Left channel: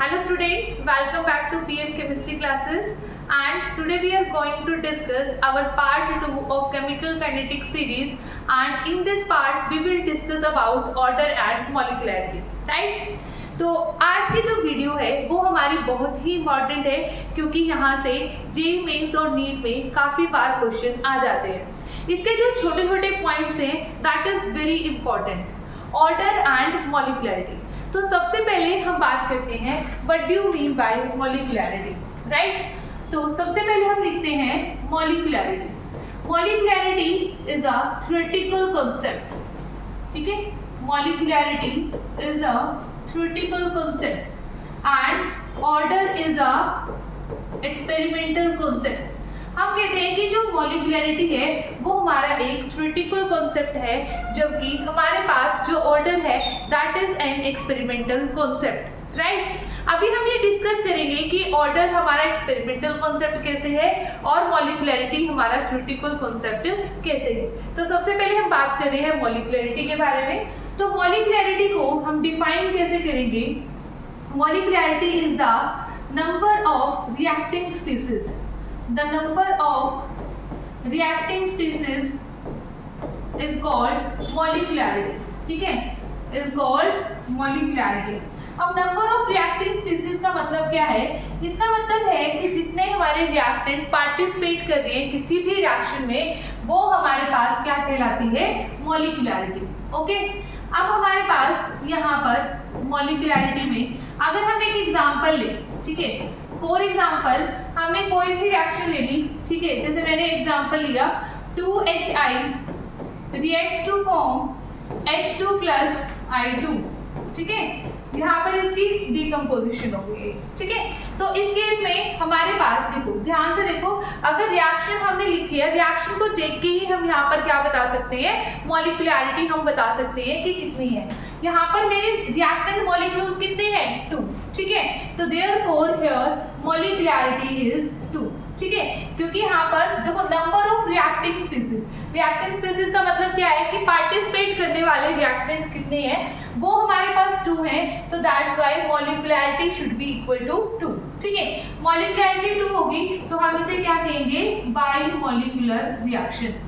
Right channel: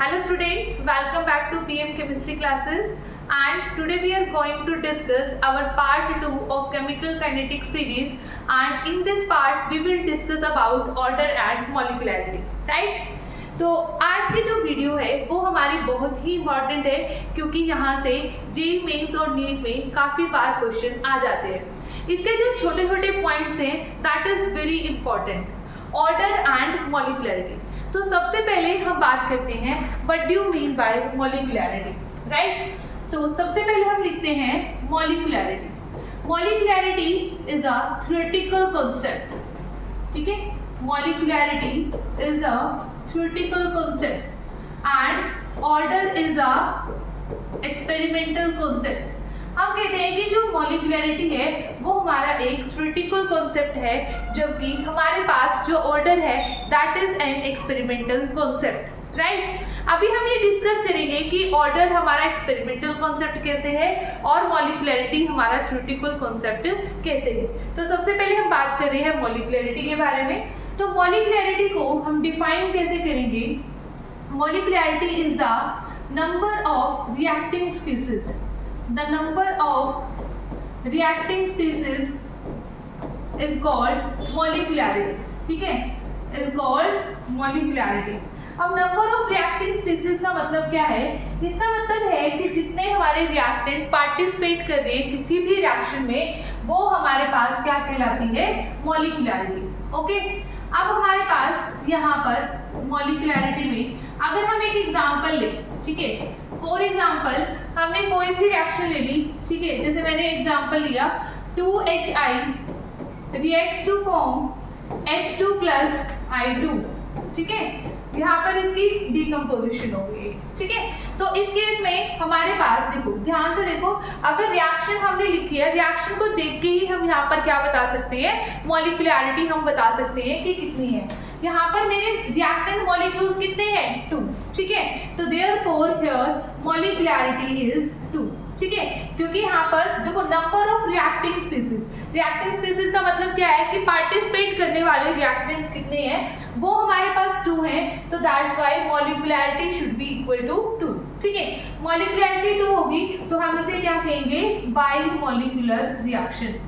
Hello students, welcome back to PM Chemistry classes, and today we are going to discuss our part 2 of chemical kinetic series, and in this part we will discuss about order and molecularity, right? तो आज की जो video है वो हमारी बहुत ही important है क्योंकि यहाँ से जेई मेंस और नीट में काफ़ी बार क्वेश्चन आ जाते हैं। इसके जो छोटे छोटे पॉइंट्स हैं that is very important, order and molecularity. तो सबसे पहले हम बात करते हैं what do you mean by molecularity, right? तो सबसे पहले हम लिखते हैं molecularity. Molecularity is a theoretical concept, ठीक है? Molecularity is a theoretical concept and order is a experimental concept। हम कहते हैं कि जो मॉलिक्युलरिटी है वो हमारा एक थ्योरेटिकल कॉन्सेप्ट है, जबकि हमारे पास जो ऑर्डर है that is an experimental concept, right? अभी हम ये डिस्कस करेंगे कि ऑर्डर हमारा एक्सपेरिमेंटल कॉन्सेप्ट कैसे है और मॉलिक्युलरिटी हमारा थ्योरेटिकल कॉन्सेप्ट कैसे है। तो सबसे पहले हम बात कर रहे हैं मॉलिक्युलरिटी के बारे में। तो मॉलिक्युलरिटी को हम डिफाइन कैसे करेंगे? Molecularity is the number of reacting species, the number of reacting species is called molecularity, ठीक है? Is called molecularity. अब नंबर ऑफ रिएक्टिंग स्पीसीज का मतलब क्या है? इसका मतलब है कि जितने हमारे रिएक्टेंट पार्टिसिपेट कर रहे हैं किसी भी रिएक्शन में वो हमारे पास क्या कहलाती है? मॉलिक्युलरिटी, ओके? अब हमारे पास यहाँ पर मॉलिक्युलरिटी में अगर हम एक एग्जांपल लें, ठीक है? फॉर एग्जांपल हमने कोई भी रिएक्शन ले ली, ठीक है? जैसे मैंने एग्जांपल लिया 2HI reacts to form H2 plus I2, ठीक है? यहाँ पर इसकी डिकम्पोजिशन हो गई, ठीक है? तो इस केस में हमारे पास देखो, ध्यान से देखो, अगर रिएक्शन हमने लिखी है, रिएक्शन को देख के ही हम यहाँ पर क्या बता सकते हैं? मॉलिक्युलरिटी हम बता सकते हैं कि कितनी है। यहाँ पर मेरे रिएक्टेंट मॉलिक्यूल्स कितने हैं? 2, ठीक है? तो देयरफॉर हियर मॉलिक्युलरिटी इज 2, ठीक है? क्योंकि यहाँ पर देखो number of reacting species, reacting species का मतलब क्या है कि पार्टिसिपेट करने वाले रिएक्टेंट्स कितने हैं? वो हमारे पास 2 हैं, तो that's why molecularity should be equal to 2, ठीक है? मॉलिक्युलरिटी 2 होगी तो हम इसे क्या कहेंगे? By molecular reaction,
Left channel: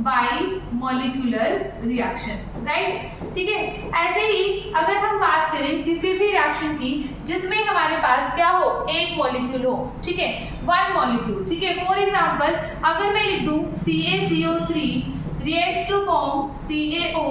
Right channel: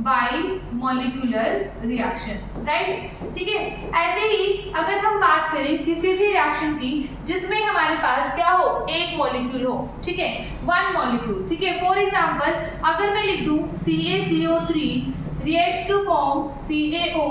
by molecular reaction, right? ठीक है? ऐसे ही अगर हम बात करें किसी भी रिएक्शन की जिसमें हमारे पास क्या हो? एक मॉलिक्यूल हो, ठीक है? 1 मॉलिक्यूल, ठीक है? फॉर एग्जांपल अगर मैं लिख दूं CaCO3 reacts to form CaO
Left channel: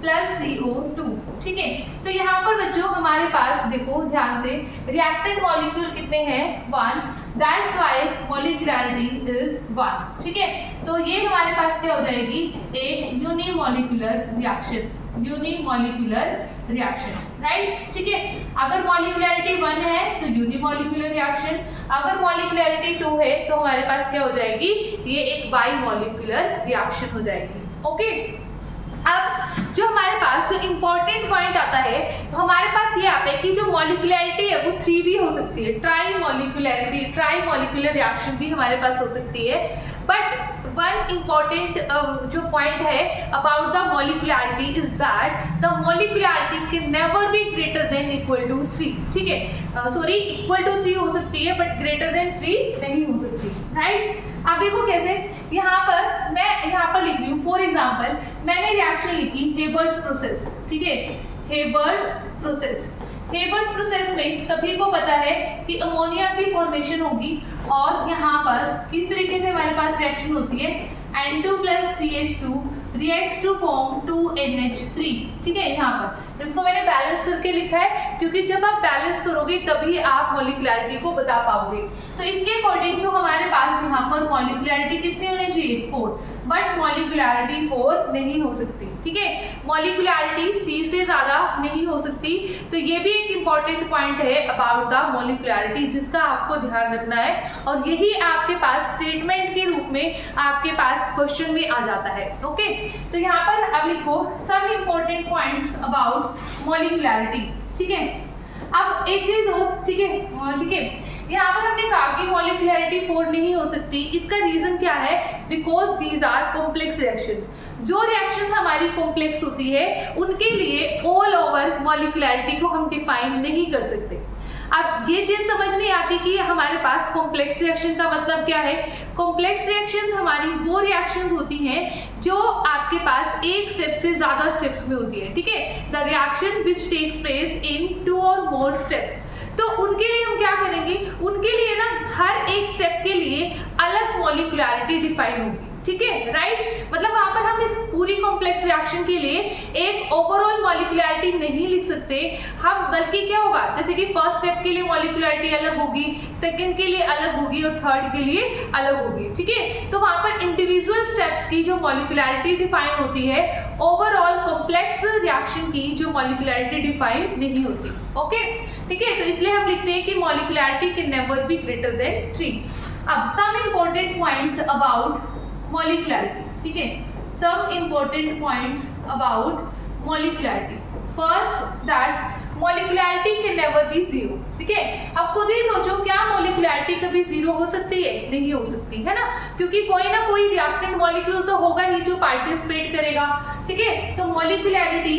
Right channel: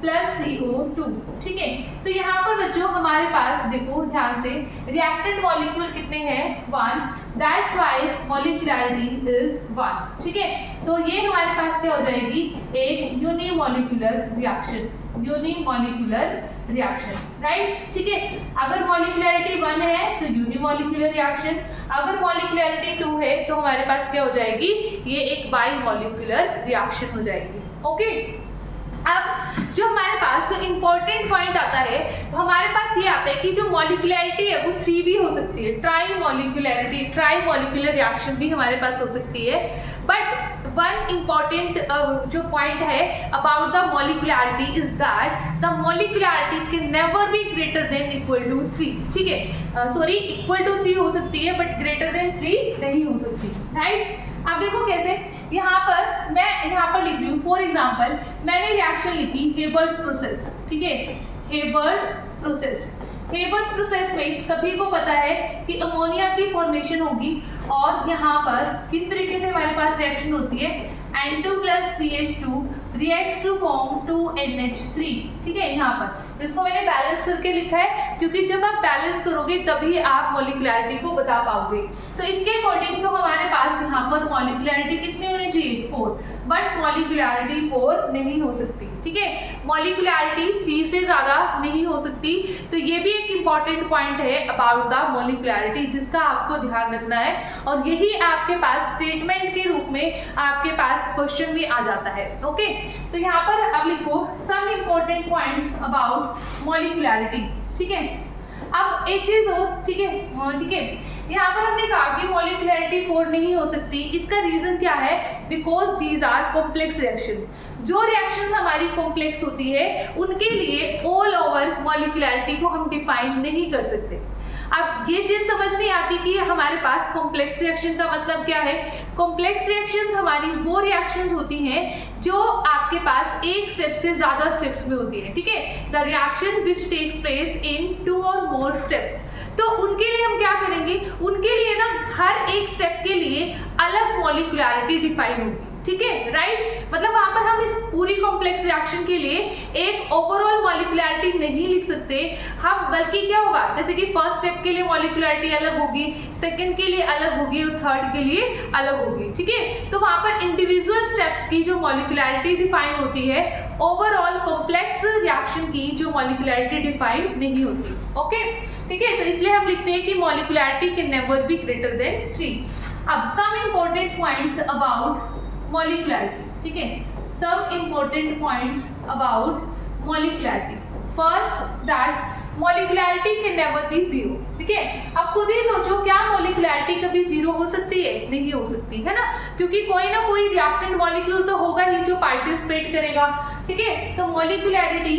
plus CO2, ठीक है? तो यहाँ पर बच्चों हमारे पास देखो ध्यान से रिएक्टेंट मॉलिक्यूल कितने हैं? 1, दैट्स व्हाई मॉलिक्युलरिटी इज 1, ठीक है? तो ये हमारे पास क्या हो जाएगी? एक unimolecular reaction, unimolecular reaction, right? ठीक है? अगर मॉलिक्युलरिटी 1 है तो यूनिमॉलिक्यूलर रिएक्शन, अगर मॉलिक्युलरिटी 2 है तो हमारे पास क्या हो जाएगी? ये एक बाई मॉलिक्यूलर रिएक्शन हो जाएगी, ओके? अब जो हमारे पास जो इम्पोर्टेंट पॉइंट आता है तो हमारे पास ये आता है कि जो मॉलिक्युलरिटी है वो 3 भी हो सकती है, tri molecularity, tri molecular reaction भी हमारे पास हो सकती है। बट वन इम्पॉर्टेंट जो पॉइंट है about the molecularity is that the molecularity can never be greater than equal to 3, ठीक है? सॉरी, इक्वल टू 3 हो सकती है बट ग्रेटर देन 3 नहीं हो सकती, राइट? आप देखो कैसे, यहाँ पर मैं यहाँ पर लिख रही हूँ फॉर एग्जाम्पल मैंने रिएक्शन लिखी हेबर्स प्रोसेस, ठीक है? हेबर्स प्रोसेस, हेबर्स प्रोसेस में सभी को पता है कि अमोनिया की फॉर्मेशन होगी और यहाँ पर किस तरीके से हमारे पास रिएक्शन होती है? N2 plus 3H2 reacts to form 2NH3, ठीक है? यहाँ पर इसको मैंने बैलेंस करके लिखा है क्योंकि जब आप बैलेंस करोगे तभी आप मॉलिक्युलरिटी को बता पाओगे। तो इसके अकॉर्डिंग तो हमारे पास यहाँ पर मॉलिक्युलरिटी कितनी होनी चाहिए? 4, बट मॉलिक्युलरिटी 4 नहीं हो सकती, ठीक है? मॉलिक्युलरिटी 3 से ज्यादा नहीं हो सकती। तो ये भी एक इम्पॉर्टेंट पॉइंट है अबाउट द मॉलिक्युलरिटी जिसका आपको ध्यान रखना है, और यही आपके पास स्टेटमेंट के रूप में आपके पास क्वेश्चन भी आ जाता है, ओके? तो यहाँ पर अब लिखो some important points about molecularity, ठीक है? अब एक चीज और, ठीक है? ठीक है, यहाँ पर हमने कहा कि मॉलिक्युलरिटी 4 नहीं हो सकती। इसका रीजन क्या है? Because these are complex reaction. जो रिएक्शन हमारी कॉम्प्लेक्स होती है उनके लिए ऑल ओवर मॉलिक्युलरिटी को हम डिफाइन नहीं कर सकते। अब ये चीज समझ नहीं आती कि हमारे पास कॉम्प्लेक्स रिएक्शन का मतलब क्या है। कॉम्प्लेक्स रिएक्शंस हमारी वो रिएक्शंस होती हैं जो आपके पास एक स्टेप से ज्यादा स्टेप्स में होती है, ठीक है। The reaction which takes place in 2 और मोर स्टेप्स। तो उनके लिए हम क्या करेंगे, उनके लिए ना हर एक स्टेप के लिए अलग मॉलिक्युलरिटी डिफाइन होगी, ठीक है, राइट। मतलब वहां पर हम इस पूरी कॉम्प्लेक्स रिएक्शन के लिए एक ओवरऑल मॉलिक्युलरिटी नहीं लिख सकते हम, बल्कि क्या होगा, जैसे कि फर्स्ट स्टेप के लिए मॉलिक्युलरिटी अलग होगी, सेकंड के लिए अलग होगी और थर्ड के लिए अलग होगी, ठीक है। तो वहां पर इंडिविजुअल स्टेप्स की जो मॉलिक्युलरिटी डिफाइन होती है, ओवरऑल कॉम्प्लेक्स रिएक्शन की जो मॉलिक्युलरिटी डिफाइन नहीं होती, ओके, ठीक है। तो इसलिए हम लिखते हैं कि molecularity can never be greater than 3। अब some important points about molecularity, ठीक है, some important points about molecularity. First, that molecularity can never be 0, ठीक है। अब खुद ही सोचो, क्या मॉलिक्युलरिटी कभी 0 हो सकती है? नहीं हो सकती, है ना, क्योंकि कोई ना कोई रिएक्टेंट मॉलिक्यूल तो होगा ही जो पार्टिसिपेट करेगा, ठीक है। तो मॉलिक्युलरिटी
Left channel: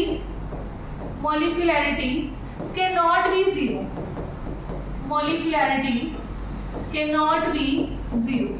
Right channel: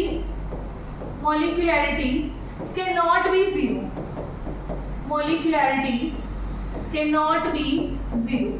cannot be 0, molecularity cannot be 0,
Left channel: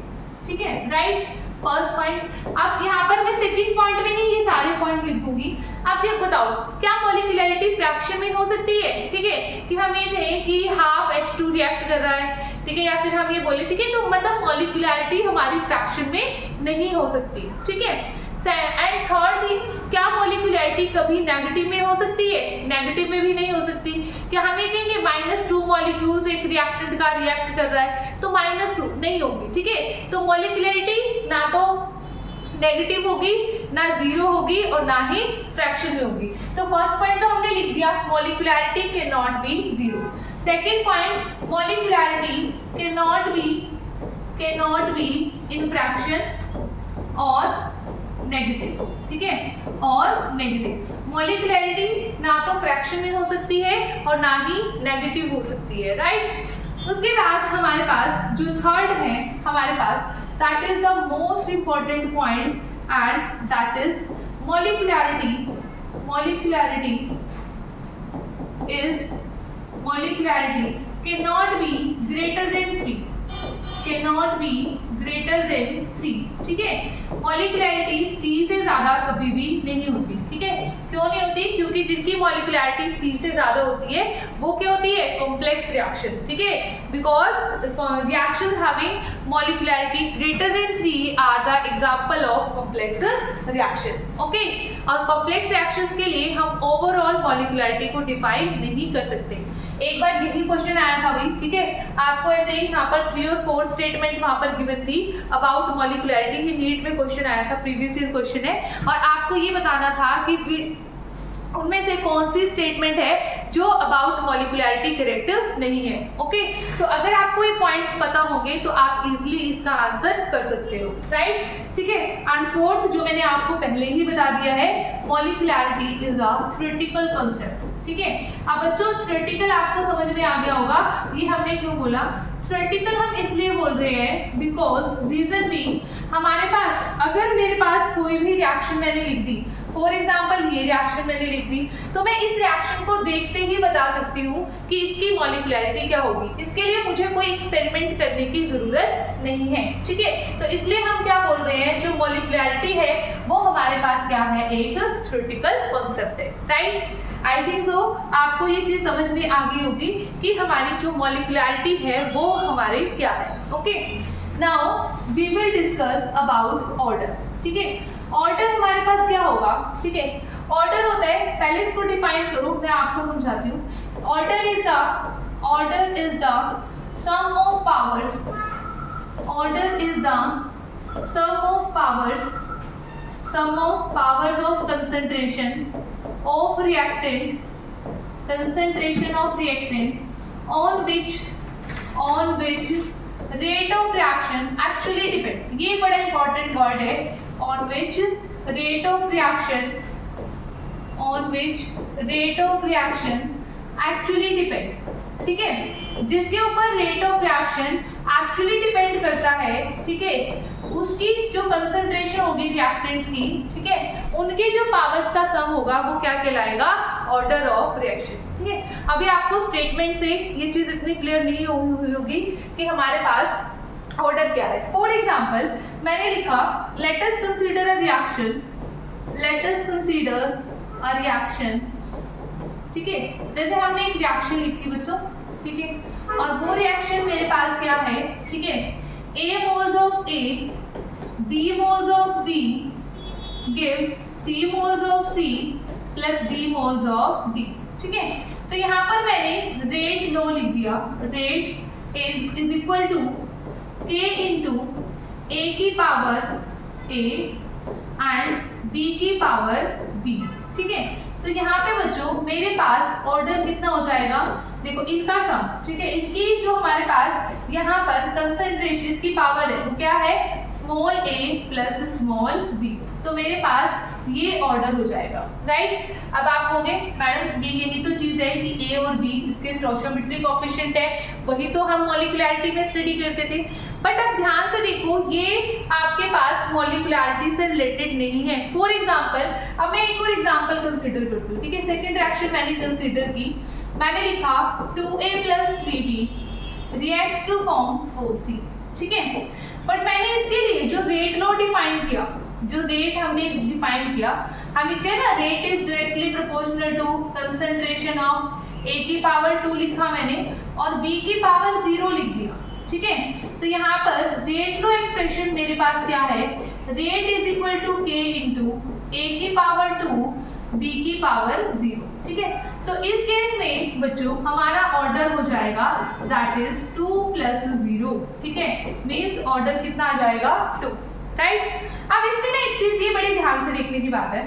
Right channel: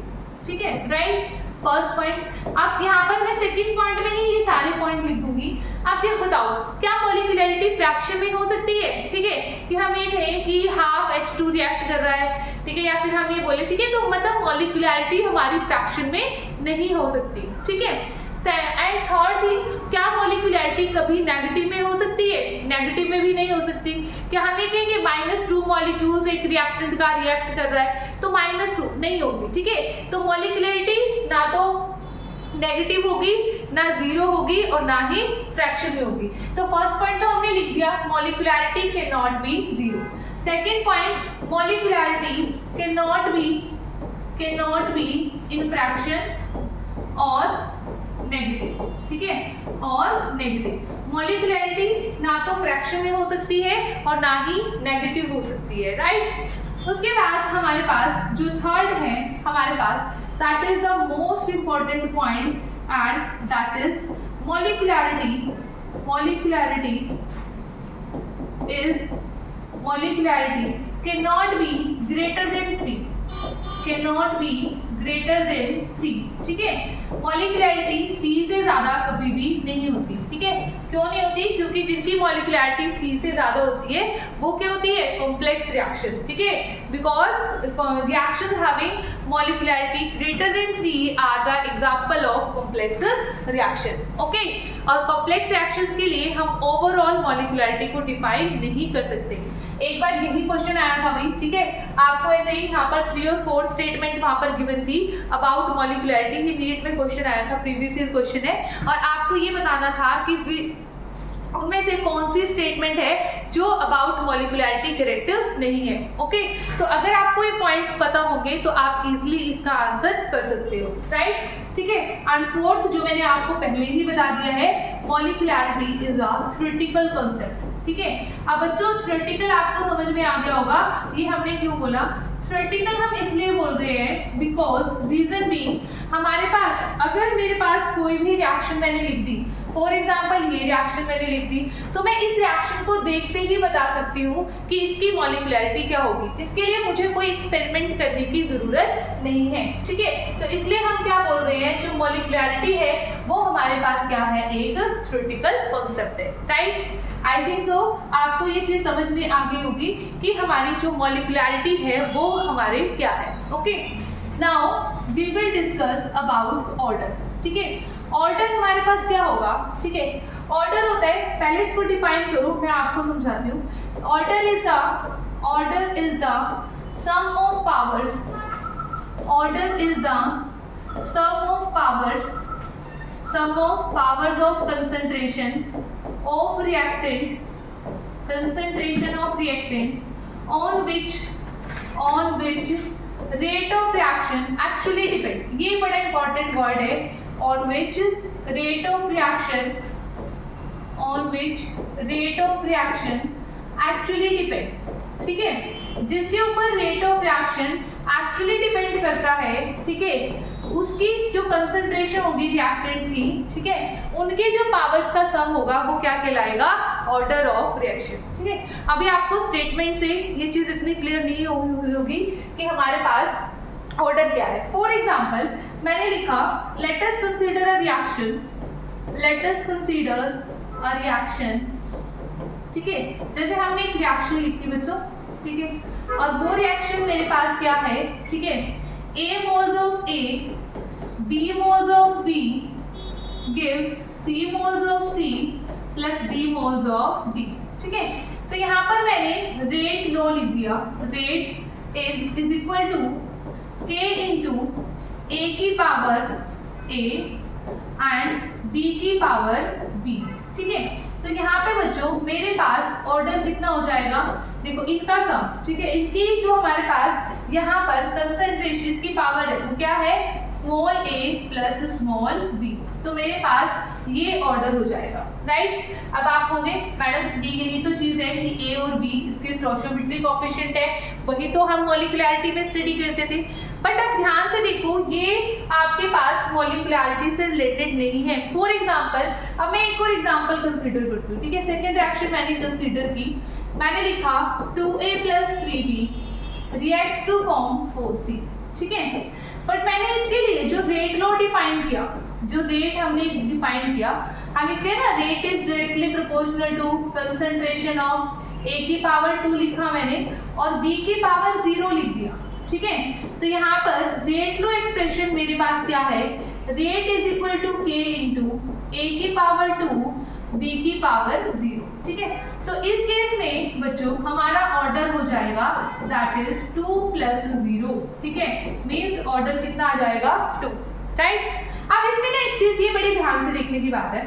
ठीक है, राइट। First point. अब यहाँ पर मैं सेकंड पॉइंट में ही ये सारे पॉइंट लिख दूंगी। अब ये बताओ, क्या मॉलिक्युलरिटी फ्रैक्शन में हो सकती है? ठीक है, कि हम ये कहें कि हाफ H2 रिएक्ट कर रहा है, ठीक है, या फिर हम ये बोले, ठीक है, तो मतलब मॉलिक्युलरिटी हमारी फ्रैक्शन में नहीं हो सकती, ठीक है। एंड थर्ड थिंग, क्या मॉलिक्युलरिटी कभी नेगेटिव में हो सकती है? नेगेटिव में भी नहीं हो सकती। क्या हम ये कहेंगे -2 मॉलिक्यूल्स एक रिएक्टेंट का रिएक्ट कर रहा है तो -2 नहीं होगी, ठीक है। तो मॉलिक्युलरिटी ना तो नेगेटिव होगी, ना 0 होगी और ना ही फ्रैक्शन में होगी। तो फर्स्ट पॉइंट तो हमने लिख दिया, molecularity can not be 0। Second point, molecularity can not be in fraction और नेगेटिव, ठीक है, और नेगेटिव। मॉलिक्युलरिटी ना तो फ्रैक्शन में हो सकती है और ना ही नेगेटिव हो सकती है, राइट। उसके बाद हमारे पास जो थर्ड है हमारे पास, that is the most important point and that is molecularity can not be greater than 3, cannot be greater than 3, ठीक है। मॉलिक्युलरिटी 3 से ज्यादा कभी भी नहीं होती, ठीक है। क्यों नहीं होती? क्योंकि जिनकी मॉलिक्युलरिटी 3 से ज्यादा होती है वो क्या होती है? कॉम्प्लेक्स रिएक्शन, ठीक है। Because reactions having molecularity greater than 3 are the example of complex reaction, okay. और कॉम्प्लेक्स रिएक्शंस के लिए हम ओवरऑल मॉलिक्युलरिटी को डिफाइन नहीं कर सकते। एक बार यही क्वेश्चन आया था भाई, ठीक है, आपको ऐसे ही यहाँ पर 3 और 4 स्टेटमेंट वहां पर गिवन थी अबाउट मॉलिक्युलरिटी। ये नीट में क्वेश्चन आया था, प्रीवियस ईयर क्वेश्चन है, और आपको ये बताना था कि उनमें से कौन सी स्टेटमेंट है जो अबाउट मॉलिक्युलरिटी करेक्ट नहीं है, ओके। तो अगर आपको ये पॉइंट्स पता होंगे तो आप इजीली इसका आंसर कर सकते हो, राइट, ठीक है। एंड फोर्थ, जो मैंने आपको पहले ही बता दिया है, molecularity is a theoretical concept, ठीक है। अब बच्चों, थ्योरेटिकल आपको समझ में आ गया होगा, ये हमने क्यों बोला थ्योरेटिकल हम इसलिए बोल रहे हैं बिकॉज रीजन बीइंग, हमारे पास अगर मेरे पास कोई भी रिएक्शन मैंने लिख दी, फॉर एग्जाम्पल ये रिएक्शन मैंने लिख दी, तो मैं इस रिएक्शन को देखते ही बता सकती हूँ कि इसकी मॉलिक्युलरिटी क्या होगी। इसके लिए मुझे कोई एक्सपेरिमेंट करने की जरूरत नहीं है, ठीक है। तो इसलिए हम क्या बोल रहे हैं, जो मॉलिक्युलरिटी है वो हमारे पास क्या है, एक थ्योरेटिकल कॉन्सेप्ट है, राइट। आई थिंक सो आपको ये चीज समझ में आ गई होगी कि हमारी जो मॉलिक्युलरिटी है वो हमारे क्या है, okay. Now we will discuss about order, ठीक है। ऑर्डर हमारे पास क्या होगा, ठीक है। ऑर्डर होता है, पहले इसको डिफाइन करो, मैं आपको समझाती हूँ। Order is the sum of powers, order is the sum of powers of concentration of reactant on which rate of reaction actually depend। ये बड़ा इंपॉर्टेंट वर्ड है, on which rate of reaction actually depend, ठीक है। जिसके ऊपर rate of reaction actually depend करता है, ठीक है, उसकी जो कंसंट्रेशन होगी रिएक्टेंट्स की, ठीक है, उनके जो पावर्स का सम होगा वो क्या कहलाएगा, ऑर्डर ऑफ रिएक्शन। ठीक है, अभी आपको स्टेटमेंट से ये चीज इतनी क्लियर नहीं हुई होगी कि हमारे पास ऑर्डर क्या है। फॉर एग्जाम्पल मैंने लिखा let us consider a reaction, let us consider a reaction, ठीक है, जैसे हमने एक रिएक्शन लिखी बच्चों, ठीक है, और वो रिएक्शन मेरे पास क्या है, ठीक है, A moles of A, B moles of B gives C moles of C plus D moles of D, ठीक है। तो यहाँ पर मैंने रेट लो लिख दिया, rate is equal to K into A की पावर A एंड B की पावर B, ठीक है। तो यहाँ पे बच्चों मेरे पास ऑर्डर कितना हो जाएगा, देखो इनका सम, ठीक है, इनकी जो हमारे पास यहाँ पर कंसंट्रेशन इसकी पावर है वो क्या है, small a plus small b, तो मेरे पास ये ऑर्डर हो जाएगा, राइट। अब आप कहोगे मैडम यही तो चीज है कि a और b इसके स्टोइचियोमेट्रिक कोएफिशिएंट है, वही तो हम मॉलिक्युलरिटी में स्टडी करते थे। बट अब ध्यान से देखो ये आपके पास मॉलिक्युलरिटी से रिलेटेड नहीं है। फॉर एग्जांपल अब मैं एक और एग्जांपल कंसीडर करती हूँ, ठीक है, सेकंड रिएक्शन मैंने कंसीडर की, मैंने लिखा 2a plus 3b reacts to form 4c, ठीक है। बट मैंने इसके लिए जो रेट लो डिफाइन किया, जो रेट हमने डिफाइन किया, हम लिखते हैं ना rate is directly proportional to concentration of a की पावर 2 लिखा मैंने और b की पावर 0 लिख दिया, ठीक है। तो यहाँ पर रेट लो एक्सप्रेशन मेरे पास क्या है, rate is equal to k into a की पावर 2 b की पावर 0, ठीक है। तो इस केस में बच्चों हमारा ऑर्डर हो जाएगा दैट इज 2 प्लस 0, ठीक है, मींस ऑर्डर कितना आ जाएगा 2, राइट। अब इसमें ना एक चीज ये बड़े ध्यान से देखने की बात है,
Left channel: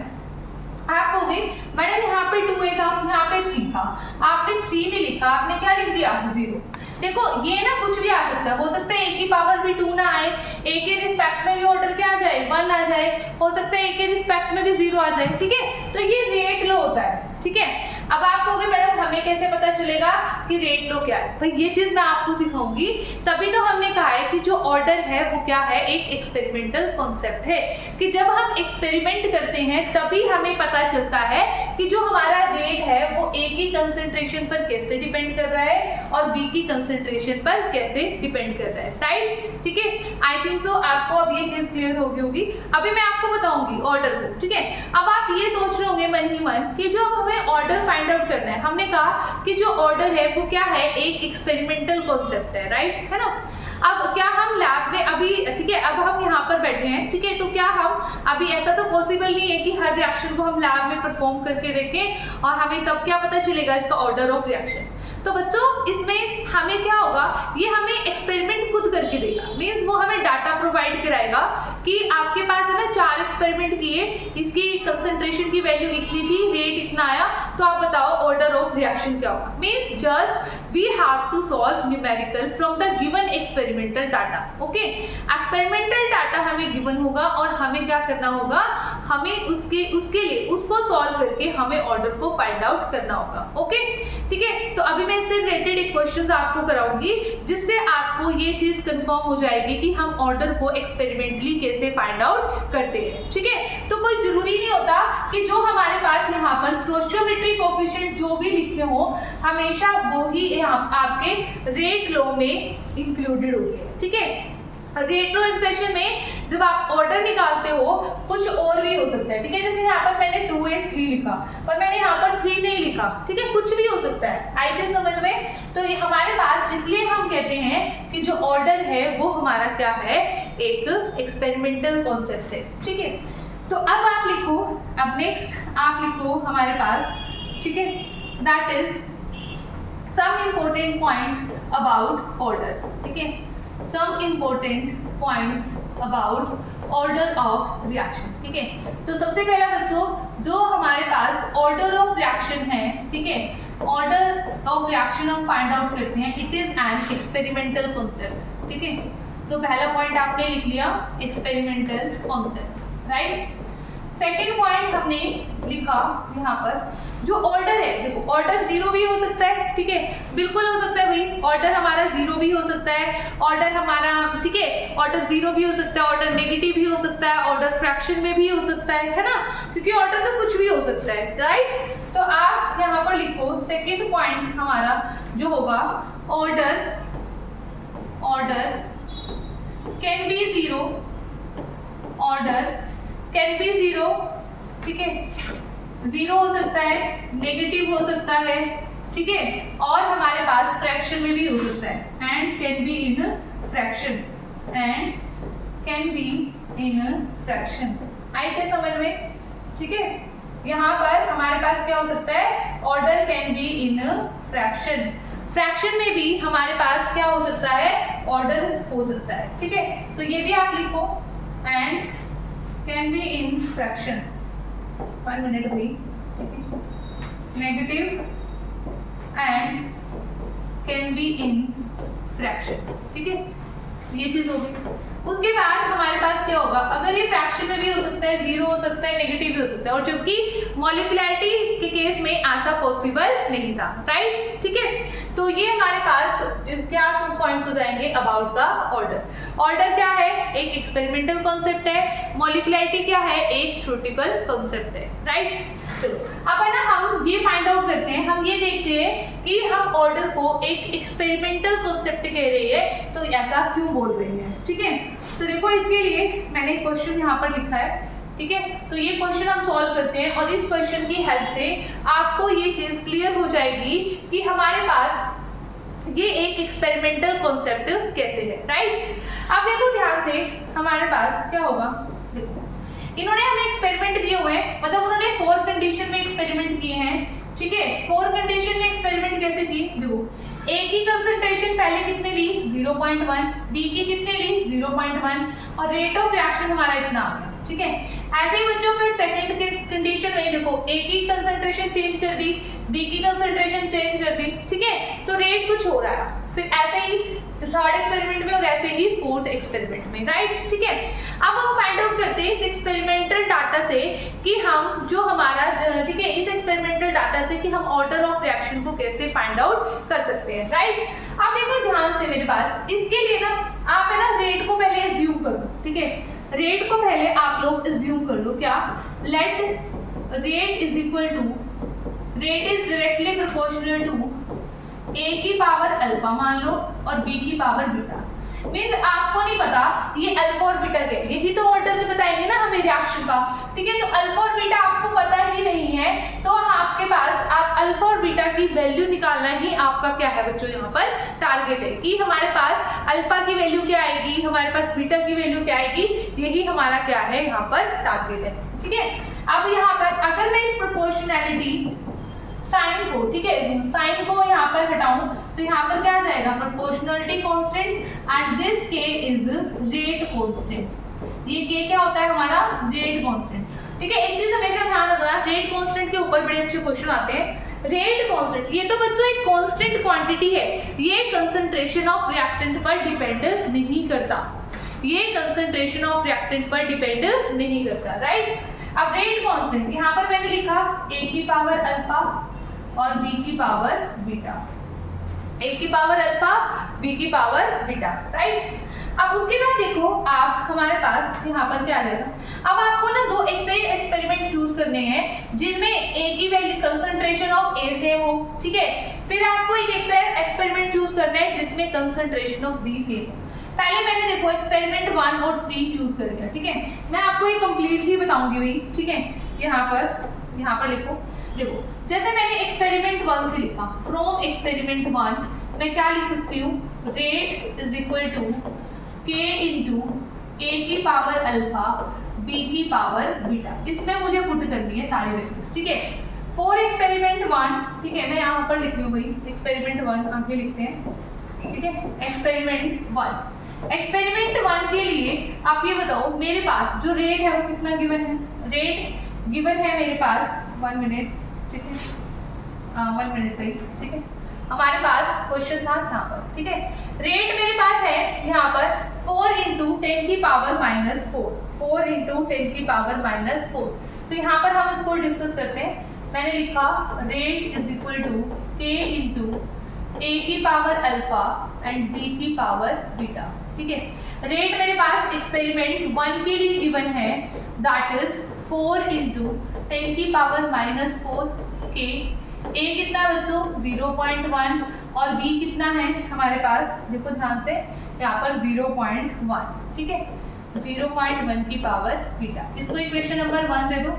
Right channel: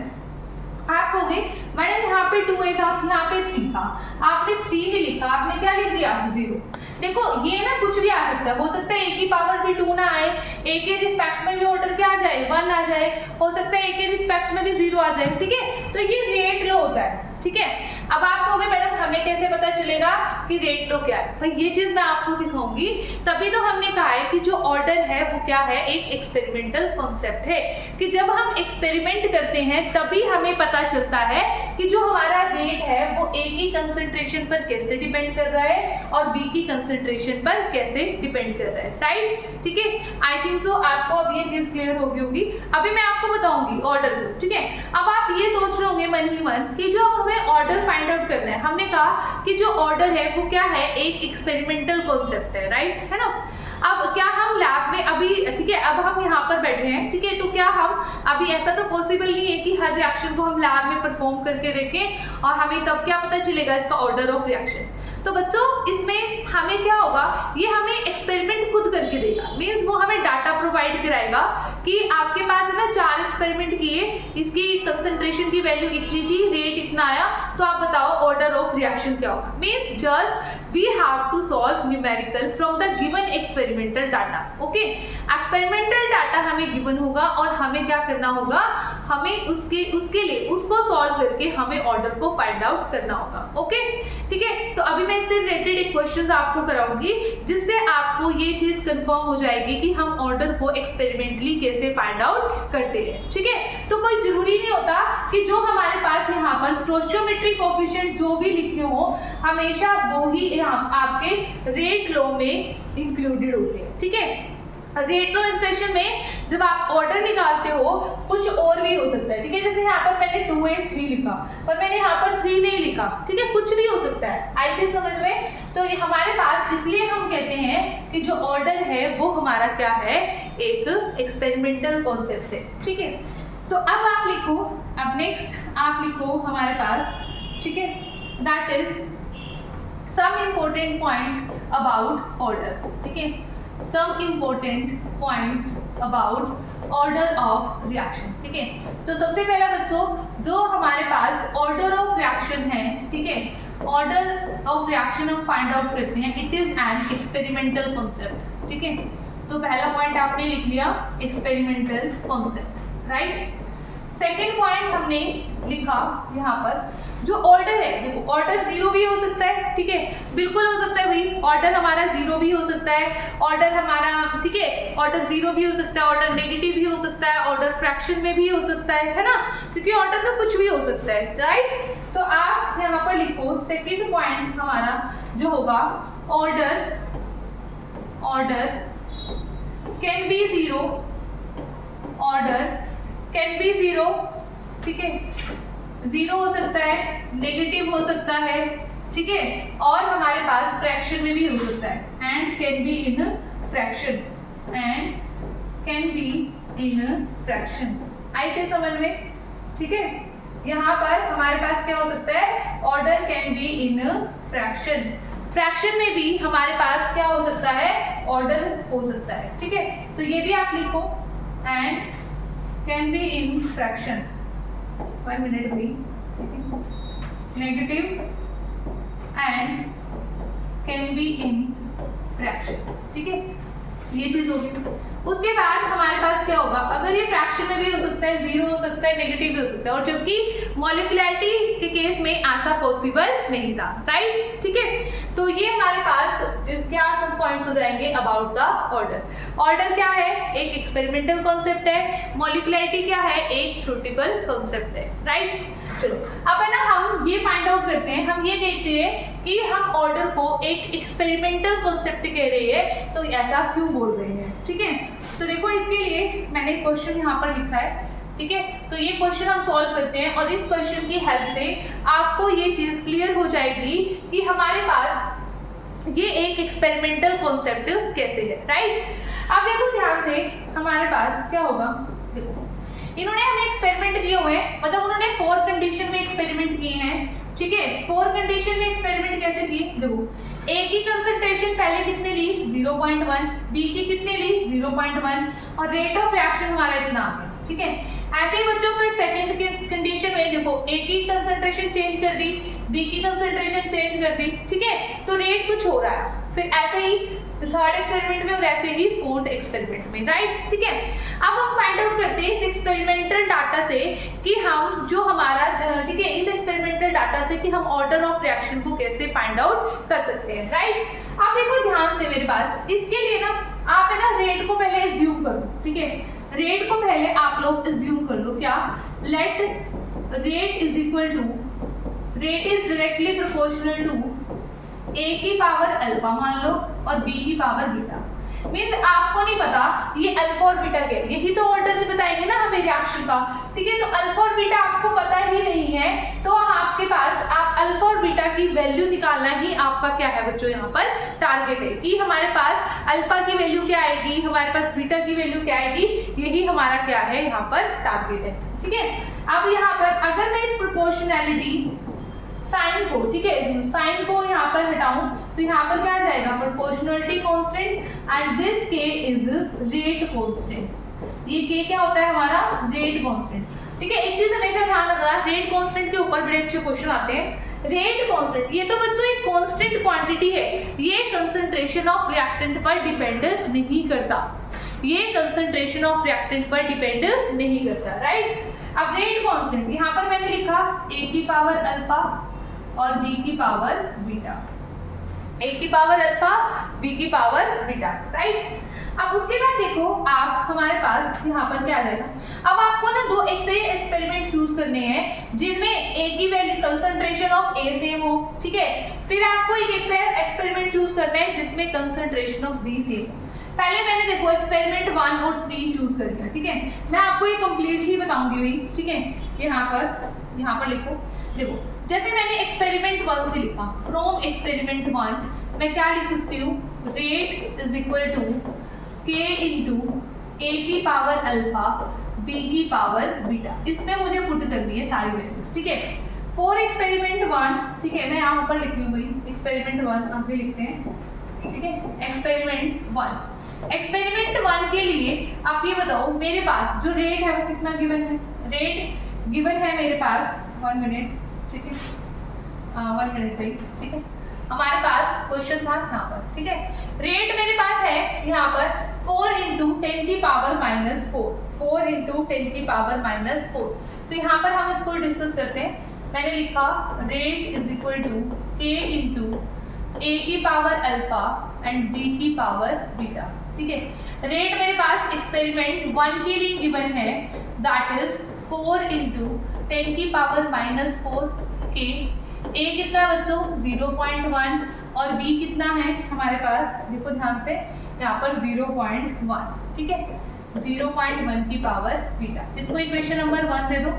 आप कहोगे मैडम यहाँ पे 2a था, यहाँ पे 3 था, आपने 3 नहीं लिखा, आपने क्या लिख दिया 0। देखो ये ना कुछ भी आ सकता है, हो सकता है a की पावर भी 2 ना आए, a के रिस्पेक्ट में भी ऑर्डर क्या आ जाए 1 आ जाए, हो सकता है a के रिस्पेक्ट में भी 0 आ जाए, ठीक है। तो ये रेट लो होता है, ठीक है। अब आप कहोगे मैडम हमें कैसे पता चलेगा कि रेट लो क्या है, भाई ये चीज मैं आपको सिखाऊंगी, तभी तो हमने कहा है कि जो ऑर्डर है वो क्या है, एक एक्सपेरिमेंटल कॉन्सेप्ट है कि जब हम एक्सपेरिमेंट करते हैं तभी हमें पता चलता है कि जो हमारा रेट है वो A की कंसंट्रेशन पर कैसे डिपेंड कर रहा है और B की कंसंट्रेशन पर कैसे डिपेंड कर रहा है, राइट, ठीक है। आई थिंक सो आपको अब ये चीज क्लियर हो गई होगी। अभी मैं आपको बताऊंगी ऑर्डर को, ठीक है। अब आप ये सोच रहे होंगे मन ही मन कि जो हमें ऑर्डर फाइंड आउट करना है, हमने कहा कि जो ऑर्डर है वो क्या है, एक एक्सपेरिमेंटल कॉन्सेप्ट है, राइट, है ना। अब क्या हम लैब में अभी, ठीक है, अब हम यहाँ पर बैठे हैं, ठीक है, तो क्या हम अभी ऐसा तो पॉसिबल नहीं है कि हर रिएक्शन को हम लैब में परफॉर्म करके देखें और हमें तब क्या पता चलेगा इसका ऑर्डर ऑफ रिएक्शन। तो बच्चों इसमें हमें क्या होगा, ये हमें एक्सपेरिमेंट खुद करके देगा, मींस वो हमें डाटा प्रोवाइड कराएगा कि आपके पास है ना 4 एक्सपेरिमेंट किए, इसकी कंसंट्रेशन की वैल्यू इतनी थी, रेट इतना आया, तो आप बताओ ऑर्डर ऑफ रिएक्शन क्या होगा। Means just we have to solve numerical from the given experimental data, okay। Experimental data हमें गिवन होगा और हमें क्या करना होगा, हमें उसके लिए उसको सॉल्व करके हमें ऑर्डर को फाइंड आउट करना होगा, ओके, ठीक है। तो अभी मैं इससे रिलेटेड एक क्वेश्चन आपको कराऊंगी जिससे आपको ये चीज कंफर्म हो जाएगी कि हम ऑर्डर को एक्सपेरिमेंटली कैसे फाइंड आउट करते हैं, ठीक है। तो कोई जरूरी नहीं होता कि जो हमारे पास यहाँ पर स्टोइचियोमेट्रिक कोएफिशिएंट जो भी लिखे हो हमेशा वो ही आपके रेट लो में इंक्लूडेड होंगे, ठीक है। रेट लो एक्सप्रेशन में जब आप ऑर्डर निकालते हो कुछ और भी हो सकता है, ठीक है। जैसे यहाँ पर मैंने 2 and 3 लिखा पर मैंने यहाँ पर 3 नहीं लिखा, ठीक है, कुछ भी हो सकता है, आई चीज समझ में। तो ये हमारे पास इसलिए हम कहते हैं कि जो ऑर्डर है वो हमारा क्या है, एक एक्सपेरिमेंटल कॉन्सेप्ट है, ठीक है। तो अब आप लिखो, अब नेक्स्ट आप लिखो हमारे पास, ठीक है, that is some important points about order, ठीक है, some important points about order of reaction, ठीक है। तो सबसे पहला बच्चों जो हमारे पास order of reaction है, ठीक है, order of reaction हम find out करते हैं, it is an experimental concept, ठीक है। तो पहला पॉइंट आपने लिख लिया experimental concept, right। Second point हमने लिखा यहाँ पर, जो ऑर्डर है, देखो ऑर्डर जीरो भी हो सकता है, ठीक है, बिल्कुल हो सकता है भाई, ऑर्डर हमारा जीरो भी हो सकता है, ऑर्डर हमारा, ठीक है, ऑर्डर जीरो भी हो सकता है, ऑर्डर नेगेटिव भी हो सकता है, ऑर्डर फ्रैक्शन में भी हो सकता है ना, क्योंकि ऑर्डर तो कुछ भी हो सकता है, राइट। तो आप यहाँ पर लिखो सेकेंड पॉइंट हमारा जो होगा, order can be zero, order can be zero, ठीक है, जीरो हो सकता है, नेगेटिव हो सकता है, ठीक है, और हमारे पास फ्रैक्शन में भी हो सकता है, and can be in fraction, and can be in fraction. आई थे समझ में, ठीक है। यहाँ पर हमारे पास क्या हो सकता है, order can be in fraction, fraction में भी हमारे पास क्या हो सकता है, ऑर्डर हो सकता है, ठीक है। तो ये भी आप लिखो, and can be in fraction, 1 minute भी, negative and can be in fraction, ठीक है, ये चीज होगी। उसके बाद हमारे पास क्या होगा, अगर ये फ्रैक्शन में भी हो सकता है, जीरो हो सकता है, नेगेटिव भी हो सकता है, और जबकि मॉलिक्युलैरिटी के केस में ऐसा पॉसिबल नहीं था, राइट, ठीक है। तो ये हमारे पास क्या पॉइंट्स हो जाएंगे अबाउट द ऑर्डर। ऑर्डर क्या है, एक एक्सपेरिमेंटल कॉन्सेप्ट है, मॉलिक्युलैरिटी क्या है, एक थ्योरेटिकल कॉन्सेप्ट है, राइट। चलो अब है ना, हम ये फाइंड आउट करते हैं, हम ये देखते हैं कि हम ऑर्डर को एक एक्सपेरिमेंटल कॉन्सेप्ट कह रहे हैं, तो ऐसा क्यों बोल रहे हैं, ठीक है। तो देखो इसके लिए मैंने क्वेश्चन यहाँ पर लिखा है, ठीक है। तो ये क्वेश्चन हम सॉल्व करते हैं, और इस क्वेश्चन की हेल्प से आपको ये चीज क्लियर हो जाएगी कि हमारे पास ये एक एक्सपेरिमेंटल कॉन्सेप्ट कैसे है, राइट। अब देखो ध्यान से, हमारे पास क्या होगा, देखो इन्होंने हमें एक्सपेरिमेंट दिए हुए हैं, मतलब उन्होंने 4 कंडीशन में एक्सपेरिमेंट किए हैं, ठीक है। 4 कंडीशन में एक्सपेरिमेंट कैसे किए, देखो ए की कंसंट्रेशन पहले कितने ली, 0.1, बी की कितने ली, 0.1, और रेट ऑफ रिएक्शन हमारा इतना आ गया, ठीक है। ऐसे ही बच्चों फिर सेकंड कंडीशन में देखो ए की कंसंट्रेशन चेंज कर दी, बी की कंसंट्रेशन चेंज कर दी, ठीक है, तो रेट कुछ हो रहा है। फिर ऐसे ही थर्ड एक्सपेरिमेंट में, और ऐसे ही फोर्थ एक्सपेरिमेंट में, राइट, ठीक है। अब हम फाइंड आउट करते हैं इस एक्सपेरिमेंटल डाटा से कि हम जो हमारा, ठीक है, इस एक्सपेरिमेंटल डाटा से कि हम ऑर्डर ऑफ रिएक्शन को कैसे फाइंड आउट कर सकते हैं, राइट। अब देखो ध्यान से मेरे पास, इसके लिए ना आप है ना रेट को पहले एज्यूम कर लो, ठीक है, रेट को पहले आप लोग एज्यूम कर लो, क्या, let rate is equal to, rate is directly proportional to A की पावर अल्फा मान लो और बी की पावर बीटा। मींस आपको नहीं पता ये अल्फा और बीटा क्या है, यही तो ऑर्डर में बताएंगे ना हमें रिएक्शन का, ठीक है। तो अल्फा और बीटा आपको पता ही नहीं है, तो आपके पास आप अल्फा और बीटा की वैल्यू निकालना ही आपका क्या है बच्चों, यहाँ पर टारगेट है कि हमारे पास अल्फा की वैल्यू क्या आएगी, हमारे पास बीटा की वैल्यू क्या आएगी, यही हमारा क्या है यहाँ पर टारगेट है, ठीक है। अब यहाँ पर अगर मैं इस प्रोपोर्शनैलिटी साइन को, ठीक है, साइन को यहाँ पर हटाऊं तो यहाँ पर क्या आ जाएगा, प्रोपोर्शनलिटी कांस्टेंट, एंड दिस के इज रेट कांस्टेंट। ये के क्या होता है हमारा, रेट कांस्टेंट, ठीक है। एक चीज हमेशा ध्यान रखना, रेट कांस्टेंट के ऊपर बड़े अच्छे क्वेश्चन आते हैं। रेट कांस्टेंट ये तो बच्चों एक कांस्टेंट क्वांटिटी है, ये कंसंट्रेशन ऑफ रिएक्टेंट पर डिपेंड नहीं करता, ये कंसंट्रेशन ऑफ रिएक्टेंट पर डिपेंड नहीं करता, राइट। अब रेट कांस्टेंट यहाँ पर मैंने लिखा ए की पावर अल्फा और बी की पावर बीटा, ए की पावर अल्फा, बी की पावर बीटा, राइट। अब उसके बाद देखो आप, हमारे पास यहाँ पर क्या आ जाएगा, अब आपको ना 2 ऐसे एक्सपेरिमेंट चूज करने हैं जिनमें ए की value concentration of A same हो, ठीक है। फिर आपको एक एक्सपेरिमेंट चूज करना है जिसमें कंसंट्रेशन ऑफ बी सेम हो। पहले मैंने देखो एक्सपेरिमेंट 1 और 3 चूज कर लिया, ठीक है। मैं आपको ये कंप्लीट ही बताऊंगी भाई, ठीक है। यहाँ पर लिखो, देखो जैसे मैंने एक्सपेरिमेंट 1 से लिखा, फ्रॉम एक्सपेरिमेंट 1 मैं क्या लिख सकती हूँ, रेट इज इक्वल टू के इंटू ए की पावर अल्फा, बी की पावर बीटा। इसमें मुझे पुट करनी है सारी वैल्यूज, ठीक है। फॉर एक्सपेरिमेंट 1, ठीक है, मैं यहाँ पर लिख रही हूँ भाई एक्सपेरिमेंट 1, आप भी लिखते हैं, ठीक है। एक्सपेरिमेंट 1 के लिए आप ये बताओ मेरे पास जो रेट है वो कितना गिवन है, रेट गिवन है मेरे पास 1 मिनट, ठीक है, 1 मिनट भाई, ठीक है। हमारे पास क्वेश्चन था यहाँ पर, ठीक है। रेट मेरे पास है यहाँ पर 4 × 10⁻⁴, 4 × 10⁻⁴। तो यहाँ पर हम इसको डिस्कस करते हैं। मैंने लिखा rate is equal to k × a⁴ and b⁴, ठीक है। रेट मेरे पास एक्सपेरिमेंट 1 के लिए गिवन है, दैट इज 4 × 10⁻⁴ k। a कितना बच्चों 0.1 और b कितना है हमारे पास, देखो ध्यान से यहाँ पर 0.1, ठीक है, 0.1 की पावर बीटा। इसको इक्वेशन नंबर 1 दे दो।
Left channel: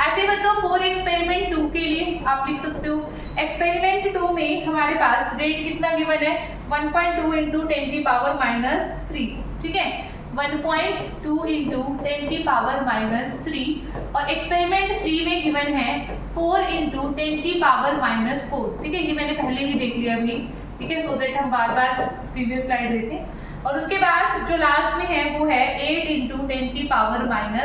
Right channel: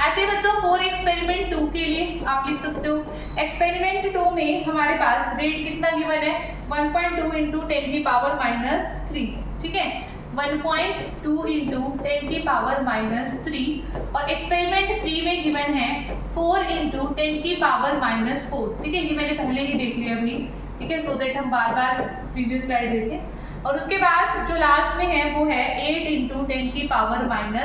ऐसे ही बच्चों फॉर एक्सपेरिमेंट 2 के लिए आप लिख सकते हो, एक्सपेरिमेंट 2 में हमारे पास रेट कितना गिवन है 1.2 × 10⁻⁻3, ठीक है, 1.2 × 10⁻⁻3। और एक्सपेरिमेंट 3 में गिवन है 4 × 10⁻⁴, ठीक है, ये मैंने पहले ही देख लिया अभी, ठीक है, सो दैट हम बार बार प्रीवियस स्लाइड देखें। और उसके बाद जो लास्ट में है वो है 8 × 10⁻⁴,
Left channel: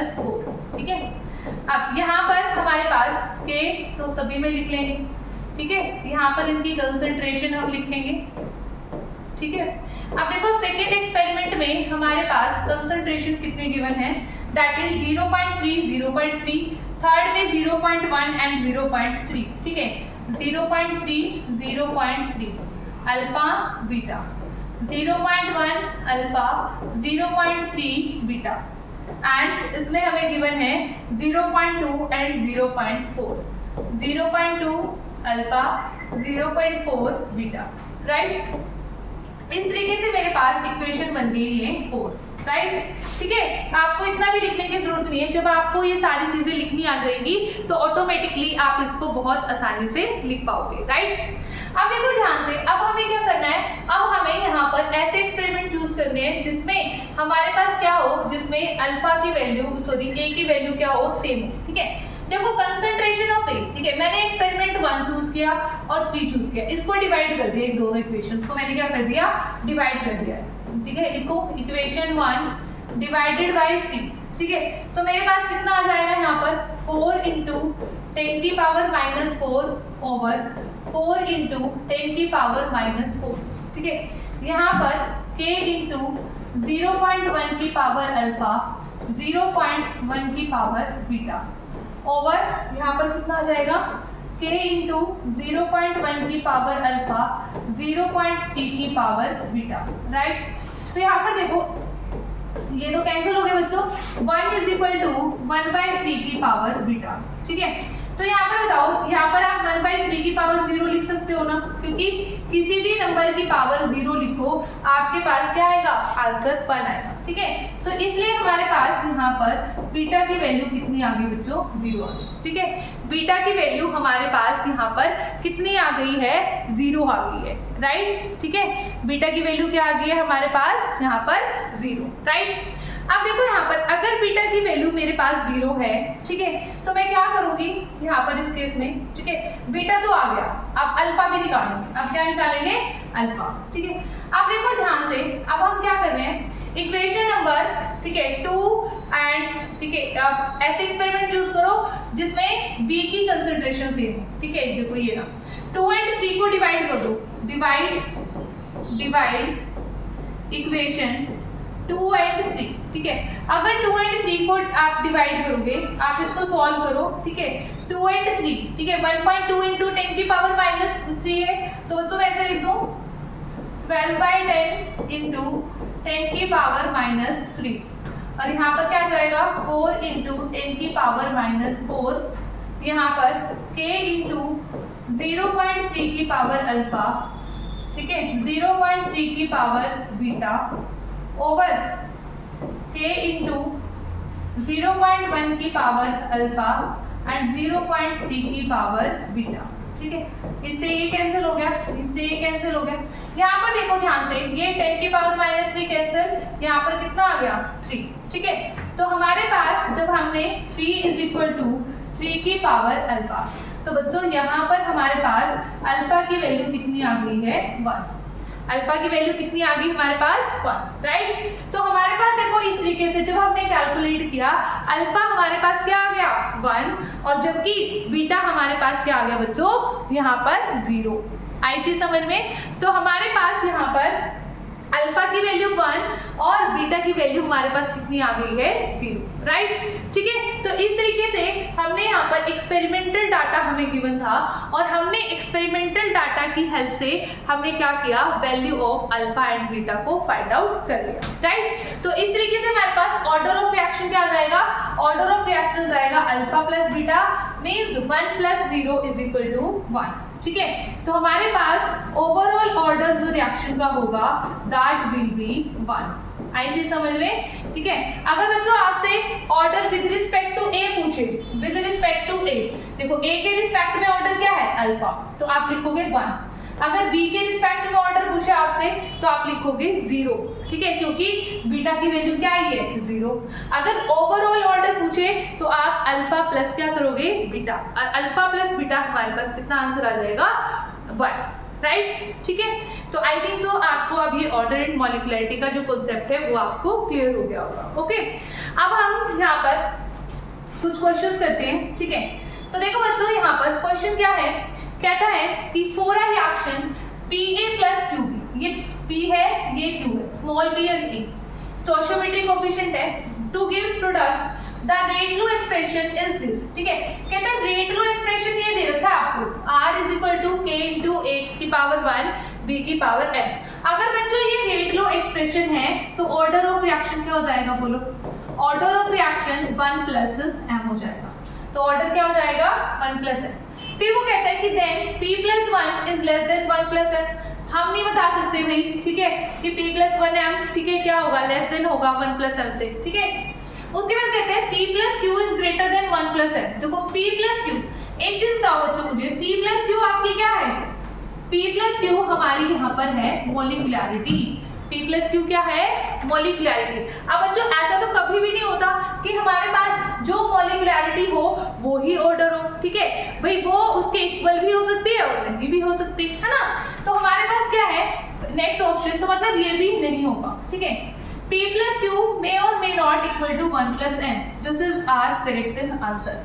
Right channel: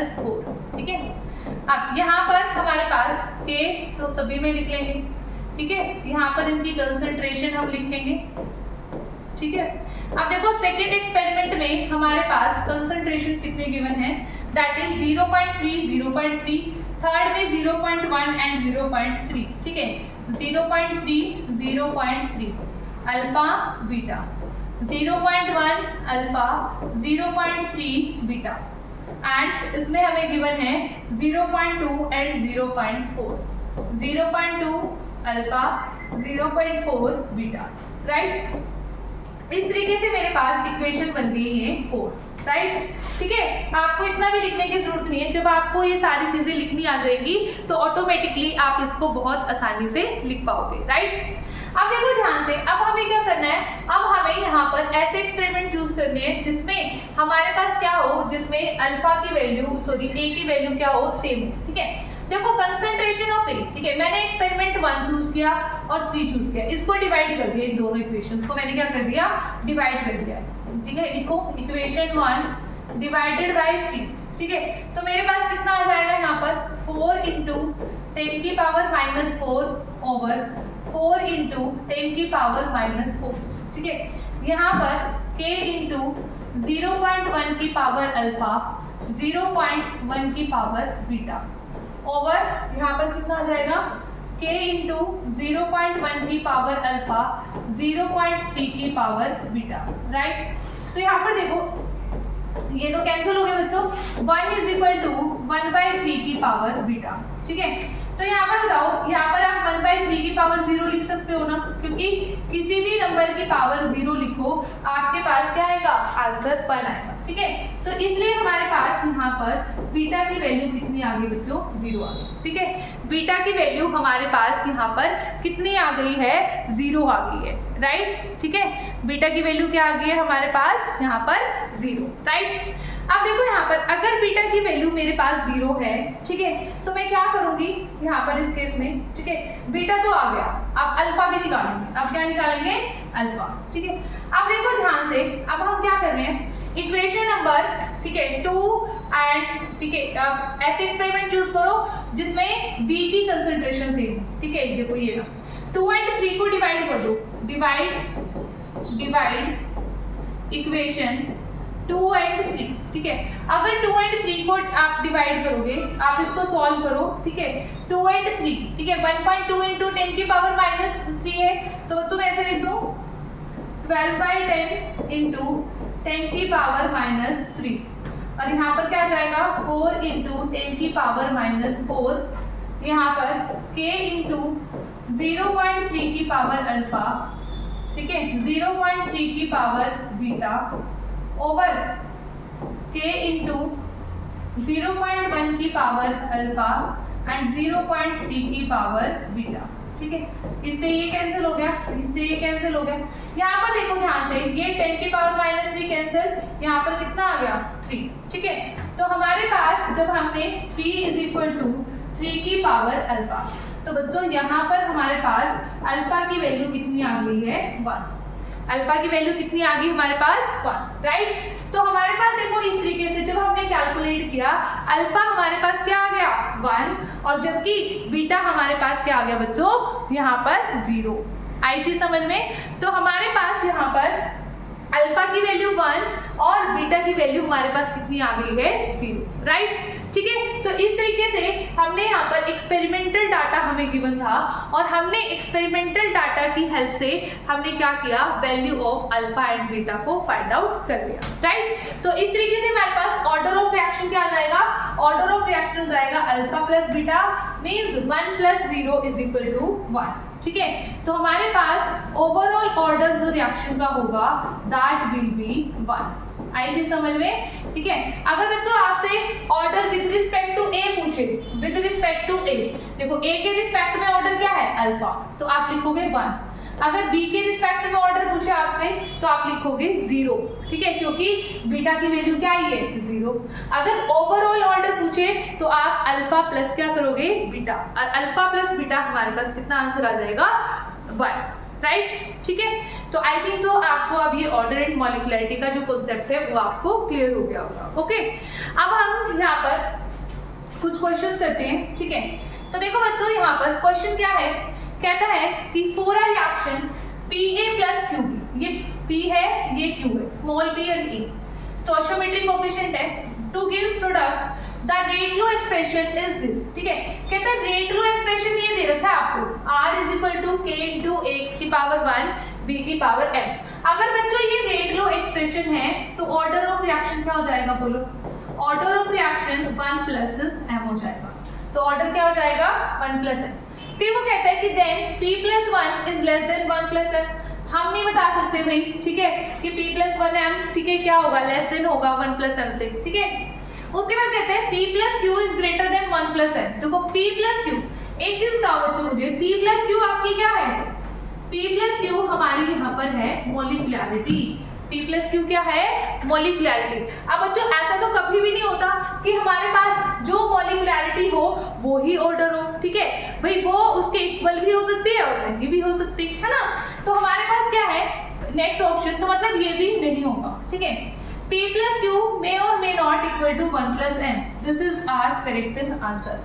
ठीक है। अब यहाँ पर हमारे पास k तो सभी में लिख लेंगे, ठीक है, यहाँ पर इनकी कंसंट्रेशन हम लिख लेंगे, ठीक है। अब देखो सेकेंड एक्सपेरिमेंट में हमारे पास कंसंट्रेशन कितने गिवन है, दैट इज 0.3, 0.3, थर्ड में 0.1 एंड 0.3, ठीक है, 0.3, 0.3 alpha beta, 0.1 alpha, 0.3 beta, and इसमें हमें गिवन है 0.2 एंड 0.4, 0.2 अल्फा, 0.4 बीटा, राइट। इस तरीके से मेरे पास इक्वेशन बन गई है 4, राइट, ठीक है। आपको इतना भी लिखने की जरूरत नहीं है, जब आपको ये सारी चीजें लिखनी आ जाएंगी तो ऑटोमेटिकली आप इसको बहुत आसानी से लिख पाओगे, राइट। अब देखो ध्यान से, अब हमें क्या करना है, अब हमें यहाँ पर ऐसे एक्सपेरिमेंट चूज करने हैं जिसमें हमारे पास क्या हो, जिसमें अल्फा की वैल्यू ए की वैल्यू क्या हो, सेम हो, ठीक है। देखो कंसंट्रेशन ऑफ ए, ठीक है, मैंने एक्सपेरिमेंट 1 चूज किया और 3 चूज किया, इसको डिवाइड कर दिया, इन दोनों इक्वेशंस को मैंने क्या कर दिया, डिवाइड कर दिया, ठीक है। लिखो इक्वेशन 1 डिवाइडेड बाय 3, ठीक है। तो मेरे पास कितना आ जाएगा यहाँ पर 4 × 10⁻⁴ ओवर 4 × 10⁻⁴, ठीक है। यहाँ पर k × 0.1 की पावर अल्फा, 0.1 की पावर बीटा, ओवर यहाँ पर कितना आ जाएगा k × 0.1 की पावर अल्फा, 0.3 की पावर बीटा, राइट। तो यहाँ पर देखो ये तो कैंसिल हो गए बच्चों, 1 = 1/3 की पावर बीटा, ठीक है। तो यहाँ पर बताओ, यहाँ पर आप 1/3 की पावर 0 लिख सकते हो ना, क्योंकि किसी भी नंबर की पावर 0 लिखो आपके पास क्या आएगा, आंसर 1 आएगा, ठीक है। तो इसलिए हमारे पास यहाँ पर बीटा की वैल्यू कितनी आ गई बच्चों, 0 आ गई, ठीक है। बीटा की वैल्यू हमारे पास यहाँ पर कितनी आ गई है, 0 आ गई है, राइट, ठीक है। बीटा की वैल्यू क्या आ गई है हमारे पास यहाँ पर 0, राइट। अब देखो यहाँ पर अगर बीटा की वैल्यू मेरे पास 0 है, ठीक है, तो मैं क्या करूंगी यहाँ पर इस केस में, ठीक है, बीटा तो आ गया, अब अल्फा भी निकालेंगे, अब क्या निकालेंगे, अल्फा, ठीक है। अब देखो ध्यान से, अब हम क्या कर रहे हैं, इक्वेशन नंबर, ठीक है, 2 एंड, ठीक है, अब ऐसे एक्सपेरिमेंट चूज करो जिसमें b की कंसंट्रेशन सेम हो, ठीक है। देखो ये ना 2 एंड 3 को डिवाइड कर दो, डिवाइड इक्वेशन 2 एंड 3, ठीक है। अगर 2 एंड 3 को आप डिवाइड करोगे, आप इसको सॉल्व करो, ठीक है, 2 एंड 3, ठीक है, 1.2 × 10⁻³ है, तो बच्चों मैं ऐसे लिख दूं 12/10 × 10⁻³ और यहाँ पर क्या जाएगा 4 × 10⁻⁴, यहाँ पर k × 0.3 की पावर अल्फा, ठीक है, 0.3 की पावर बीटा, ओवर k × 0.1 की पावर अल्फा एंड 0.3 की पावर बीटा, ठीक है। इससे ये कैंसिल हो गया, इससे ये कैंसिल हो गया। यहाँ पर देखो ध्यान से, ये 10⁻³ कैंसिल, यहाँ पर कितना आ गया 3, ठीक है। तो हमारे पास जब हमने 3 = 3 की पावर अल्फा, तो बच्चों यहाँ पर हमारे पास अल्फा की वैल्यू कितनी आ गई है 1, अल्फा की वैल्यू कितनी आ गई हमारे पास 1, राइट। तो हमारे पास देखो इस तरीके से जब हमने कैलकुलेट किया, अल्फा हमारे पास क्या आ गया 1, और जबकि बीटा हमारे पास क्या आ गया बच्चों यहाँ पर 0, आई चीज समझ में? तो हमारे पास यहाँ पर अल्फा की वैल्यू 1 और बीटा की वैल्यू हमारे पास कितनी आ गई है 0, राइट? ठीक है, तो इस तरीके से हमने यहाँ पर एक्सपेरिमेंटल डाटा हमें गिवन था और हमने एक्सपेरिमेंटल डाटा की हेल्प से हमने क्या किया, value of alpha and beta को फाइंड आउट कर लिया, राइट? तो इस तरीके से हमारे पास ऑर्डर ऑफ रिएक्शन क्या आ जाएगा, ऑर्डर ऑफ रिएक्शन हो जाएगा अल्फा प्लस बीटा मीन्स 1 + 0 = 1, ठीक है? तो हमारे पास ओवरऑल ऑर्डर जो रिएक्शन का होगा दैट विल बी 1। आई चीज समझ में? ठीक है, अगर बच्चों आपसे ऑर्डर विद रिस्पेक्ट टू ए पूछे, विद रिस्पेक्ट टू ए, देखो ए के रिस्पेक्ट में ऑर्डर क्या है अल्फा, तो आप लिखोगे 1। अगर बी के रिस्पेक्ट में ऑर्डर पूछे आपसे तो आप लिखोगे 0, ठीक है, क्योंकि बीटा की वैल्यू क्या आई है 0। अगर ओवरऑल ऑर्डर पूछे तो आप अल्फा प्लस क्या करोगे बीटा, और अल्फा प्लस बीटा हमारे पास कितना आंसर आ जाएगा 1, राइट? ठीक है, तो आई थिंक सो आपको अब ये ऑर्डर एंड मॉलिक्युलरिटी का जो कॉन्सेप्ट है वो आपको क्लियर हो गया होगा। ओके, अब हम यहाँ पर कुछ क्वेश्चंस करते हैं, ठीक है? तो देखो बच्चों, यहाँ पर क्वेश्चन क्या है, कहता है कि for a reaction Pa + Qb, ये P है ये Q है, स्मॉल p और a, स्टोइचियोमेट्रिक कोएफिशिएंट है, two gives product the rate low expression is this, ठीक है? कहता है रेट लो एक्सप्रेशन ये दे रखा है आपको, R = k × a⁻1 b⁻m। अगर बच्चों ये रेट लो एक्सप्रेशन है तो ऑर्डर ऑफ रिएक्शन क्या हो जाएगा, बोलो? ऑर्डर ऑफ रिएक्शन 1 + m हो जाएगा, तो ऑर्डर क्या हो जाएगा 1 + m। फिर वो कहता है कि then p + 1 is less than 1 + m। हम नहीं बता सकते भाई, ठीक है, कि p + 1m, ठीक है, क्या होगा, लेस देन होगा 1 + m से, ठीक है? उसके बाद कहते हैं p + q is greater than 1 + m। देखो p + q, एक चीज बताओ बच्चों मुझे, p + q आपकी क्या है? p + q हमारी यहाँ पर है मॉलिक्युलरिटी, p + q क्या है, मॉलिक्युलरिटी। अब बच्चों ऐसा तो कभी भी नहीं होता कि हमारे पास जो मॉलिक्युलरिटी हो वो ही ऑर्डर हो, ठीक है भाई, वो उसके इक्वल भी हो सकती है और नहीं भी हो सकती है ना? तो हमारे पास क्या है नेक्स्ट ऑप्शन, तो मतलब ये भी नहीं होगा, ठीक है? p + q may or may not equal to 1 + m, this is our correct answer,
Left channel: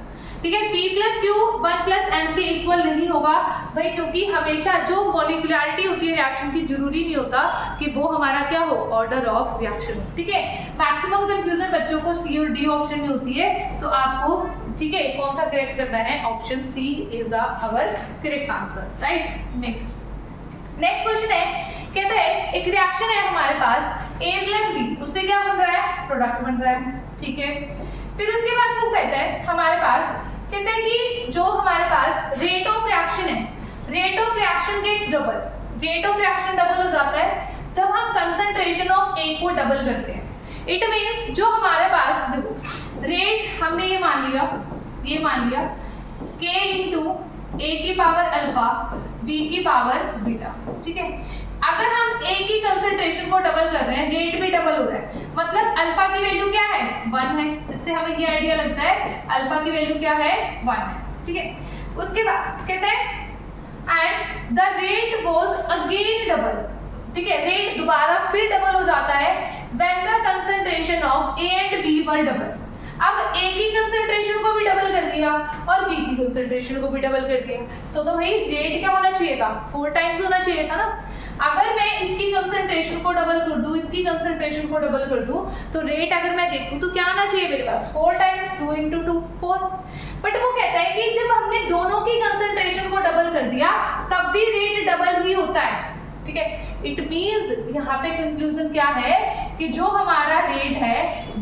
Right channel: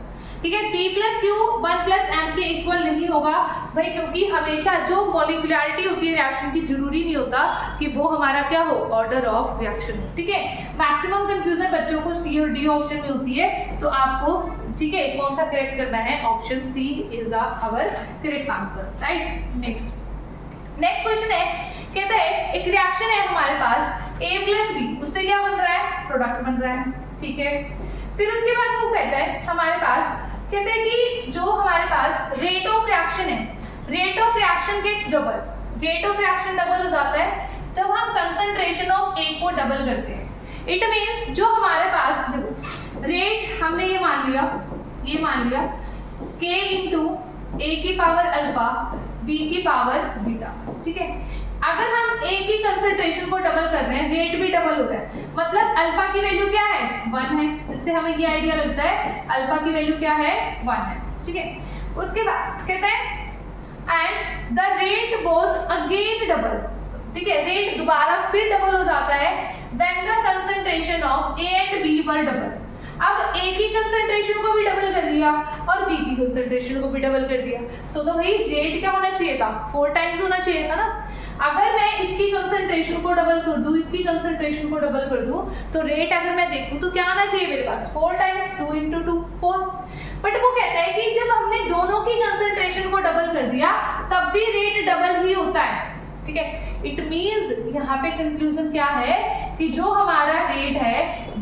ठीक है? p + q 1 + m के इक्वल नहीं होगा भाई, क्योंकि हमेशा जो मॉलिक्युलरिटी होती है रिएक्शन की, जरूरी नहीं होता कि वो हमारा क्या हो, ऑर्डर ऑफ रिएक्शन, ठीक है? मैक्सिमम कंफ्यूजन बच्चों को सी और डी ऑप्शन में होती है, तो आपको, ठीक है, कौन सा करेक्ट करना है, option C is the our correct answer, right? Next question है, कहता है एक रिएक्शन है हमारे पास a + b, उससे क्या बन रहा है, प्रोडक्ट बन रहा है, ठीक है? फिर उसके बाद वो कहता है हमारे पास, कहते हैं कि जो हमारे पास रेट ऑफ रिएक्शन है, rate of reaction gets double, rate of reaction double हो जाता है जब हम कंसंट्रेशन ऑफ A को डबल करते हैं। इट मींस जो हमारे पास, देखो रेट हमने ये मान लिया k × a⁻α b⁻β, ठीक है? अगर हम A की कंसंट्रेशन को डबल कर रहे हैं, रेट भी डबल हो रहा है, मतलब अल्फा की वैल्यू क्या है 1 है, इससे हमें ये आइडिया लगता है अल्फा की वैल्यू क्या है 1 है, ठीक है? उसके बाद कहते हैं and the rate was again double, ठीक है, रेट दोबारा फिर डबल हो जाता है when the concentration of A and B were double. अब A की कंसंट्रेशन को भी डबल कर दिया और B की कंसंट्रेशन को भी डबल कर दिया, तो भाई रेट क्या होना चाहिए था, 4 टाइम्स होना चाहिए था ना? अगर मैं इसकी कंसंट्रेशन को डबल कर दूं, इसकी कंसंट्रेशन को डबल कर दूं, तो रेट अगर मैं देखूं तो क्या आना चाहिए मेरे पास, 4 टाइम्स 2 × 2 4। बट वो कहता है कि जब हमने दोनों की कंसंट्रेशन को डबल कर दिया तब भी रेट डबल ही होता है, ठीक है? इट मींस यहाँ पे कंक्लूजन क्या है कि जो हमारा रेट है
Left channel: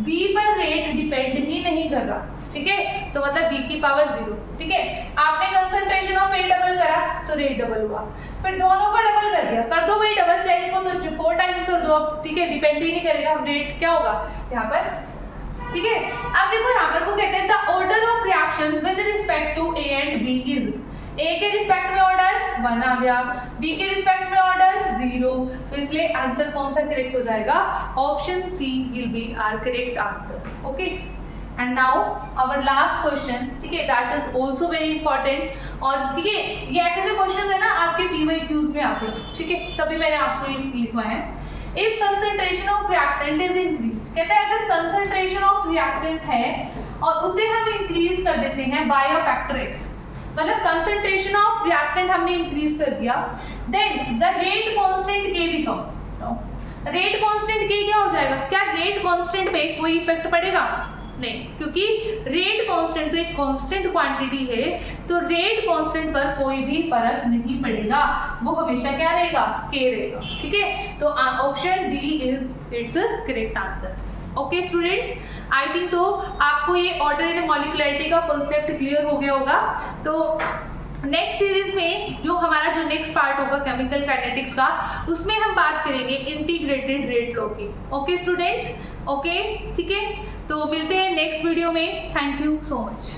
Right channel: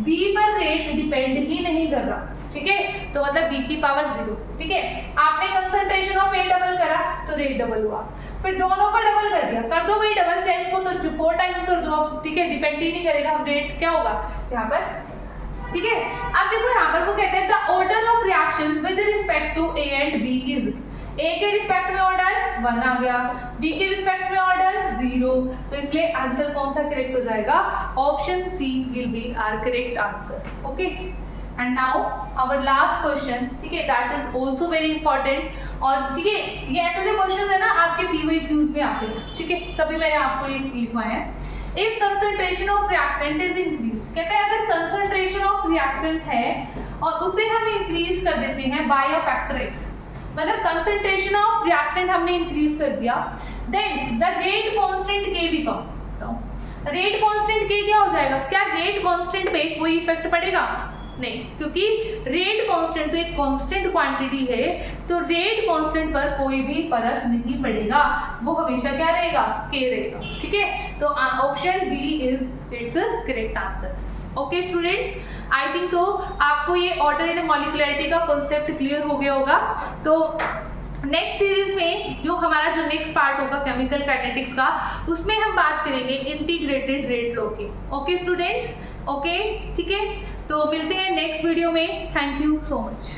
B पर रेट डिपेंड ही नहीं कर रहा, ठीक है? तो मतलब B की पावर 0, ठीक है? आपने कंसंट्रेशन ऑफ A डबल करा तो रेट डबल हुआ, फिर दोनों को डबल कर दिया, कर दो भाई डबल, चाहे इसको तो 4 टाइम्स कर दो, ठीक है, डिपेंड ही नहीं करेगा, रेट क्या होगा यहाँ पर, ठीक है? अब देखो यहाँ पर वो कहते हैं the order of reaction with respect to A and B is, A के रिस्पेक्ट में ऑर्डर 1 आ गया, B के रिस्पेक्ट में ऑर्डर 0, तो इसलिए आंसर कौन सा करेक्ट हो जाएगा, option C will be our correct answer, okay? And now our last question, ठीक है, that is also very important, और ठीक है ये ऐसे क्वेश्चन है ना आपके PYQs में आते हैं, ठीक है, तभी मैंने आपको ये लिखवाया है। If concentration of reactant is increase, कहते हैं अगर कंसंट्रेशन ऑफ रिएक्टेंट है और उसे हम इंक्रीज कर देते हैं बाय अ फैक्टर x, मतलब कंसंट्रेशन ऑफ रिएक्टेंट हमने इंक्रीज कर दिया, देन द रेट कांस्टेंट के बिकम, रेट कांस्टेंट के क्या हो जाएगा, क्या रेट कांस्टेंट पे कोई इफेक्ट पड़ेगा, नहीं, क्योंकि रेट कांस्टेंट तो एक कांस्टेंट क्वांटिटी है, तो रेट कांस्टेंट पर कोई भी फर्क नहीं पड़ेगा, वो हमेशा क्या रहेगा, के रहेगा, ठीक है। तो option D is it's correct answer. Okay students, I think so आपको ये ऑर्डर एंड मॉलिक्युलरिटी का कॉन्सेप्ट क्लियर हो गया होगा। तो नेक्स्ट सीरीज में जो हमारा जो नेक्स्ट पार्ट होगा केमिकल काइनेटिक्स का, उसमें हम बात करेंगे इंटीग्रेटेड रेट लॉ की। ओके स्टूडेंट्स, ओके, ठीक है, तो मिलते हैं नेक्स्ट वीडियो में। Thank you so much.